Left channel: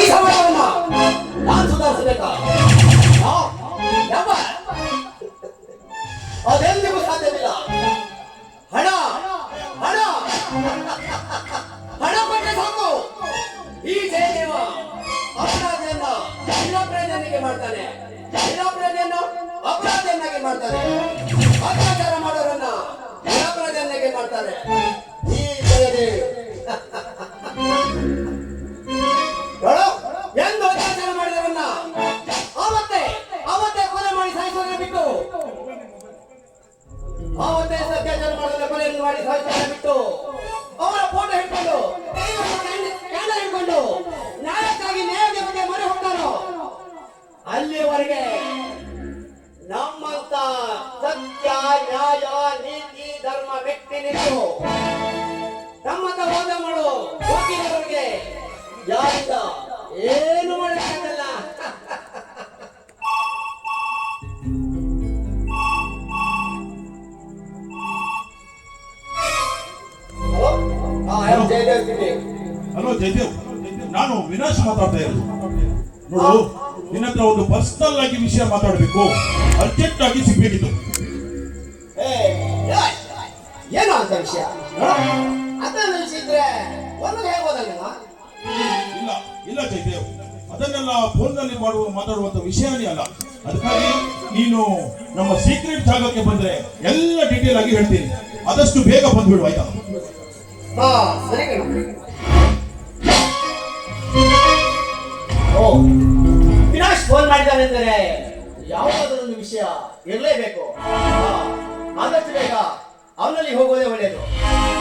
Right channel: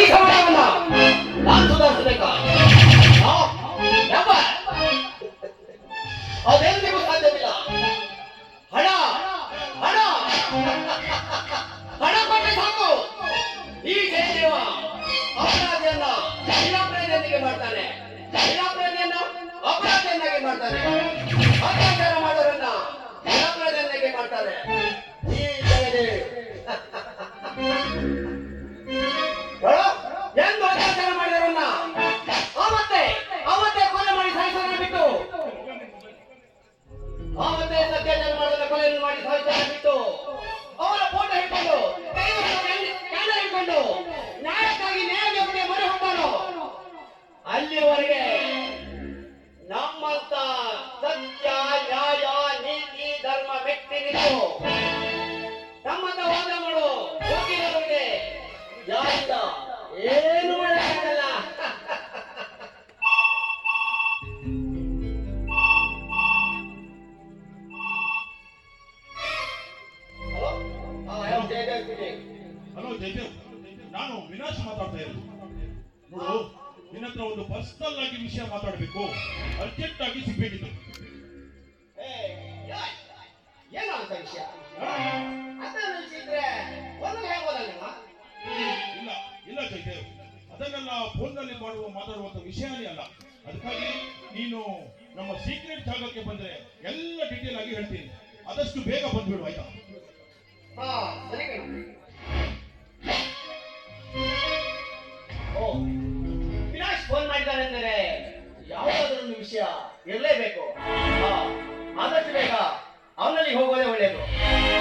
ಈ ಸಮಾಜವನ್ನ ನಾನು ಸುಧಾರಿಸಬೇಕಾ ಅದೆಲ್ಲಿಗೂ ಸಾಧ್ಯವಿಲ್ಲ ಹಣ ಹಣ ಹಣ ಕೊಟ್ಟರೆ ಸಾಕು ಈ ಜಯದೇವ ಅಪರಾಧಿಯನ್ನ ನಿರಾಪರಾಧಿಯನ್ನಾಗಿ ಮಾಡ್ತಾನೆ ನಿರಾಪರಾಧಿಯನ್ನ ಅಪರಾಧಿಯನ್ನಾಗಿ ಮಾಡ್ತಾನೆ ಅತ್ಯಾಚಾರ ಮಾಡೋರನ್ನ ನಿರಾಪರಾಧಿಯನ್ನಾಗಿ ಮಾಡ್ತಾನೆ ಈ ಜಯದೇವ್ ಮೆಟ್ಟಿ ನಿಂತು ತಮ್ಮನ್ನ ಹೋದ ಮಾಡು. ಹೋಗಿರೋರಿಗೆ ಯಾರಿಂದ? ಏನು ಮಾಡಕ್ಕಾಗಲ್ಲ. ಹಲೋ? ಜಯದೇವ್ ನಾನು ವಿನಾಶ್ ಮಾತಾಡ್ತಾ ಇರೋದು. ನೋಡು ನಿನ್ನ ಹತ್ರ ಒಂದು ಪರ್ಸನಲ್ ಆಗಿ ವಿಷಯ ಮಾತಾಡಬೇಕು. ಅರ್ಜೆಂಟ್ ಆಗಿ ಸಿಗ್ಬೇಕಿತ್ತು. ವಿಷಯ. ಅದನ್ನ ವಿಷಯ ಇದ್ರೆ ಒಂದು ಹೇಳ್ಬೋದಲ್ಲ ಇಲ್ಲ ಇಲ್ಲ ಜಯದೇವ್ ಅದನ್ನೆಲ್ಲ ಫೋನ್ನಲ್ಲಿ ಮಾಡುವ ಮಾತಾಡುವಂತ ವಿಷಯನೇ ಅಲ್ಲ. ಅದಕ್ಕಾಗಿ ನೀನು ನಮ್ಮ ಸೀಕ್ರೆಟ್ ಜಾಗಕ್ಕೆ ಬಂದ್ರೆ ಎಲ್ಲ ಡೀಟೇಲ್ ಆಗಿ ಹೇಳ್ತೀನಿ. ಆದಷ್ಟು ಬೇಗ ಬಂದ್ಬಿಡು ಆಯ್ತಾ? ಹಾ ಸರಿ ಓ ವಿನಾಶ್ ಫೋನ್ ಮಾಡಿದ್ದಾನೆಂದರೆ ಒಂದು ವಿಷಯ ಇರಲೇಬೇಕು. ಆದಷ್ಟು ಬೇಗ あんなに方向でもねえぞ。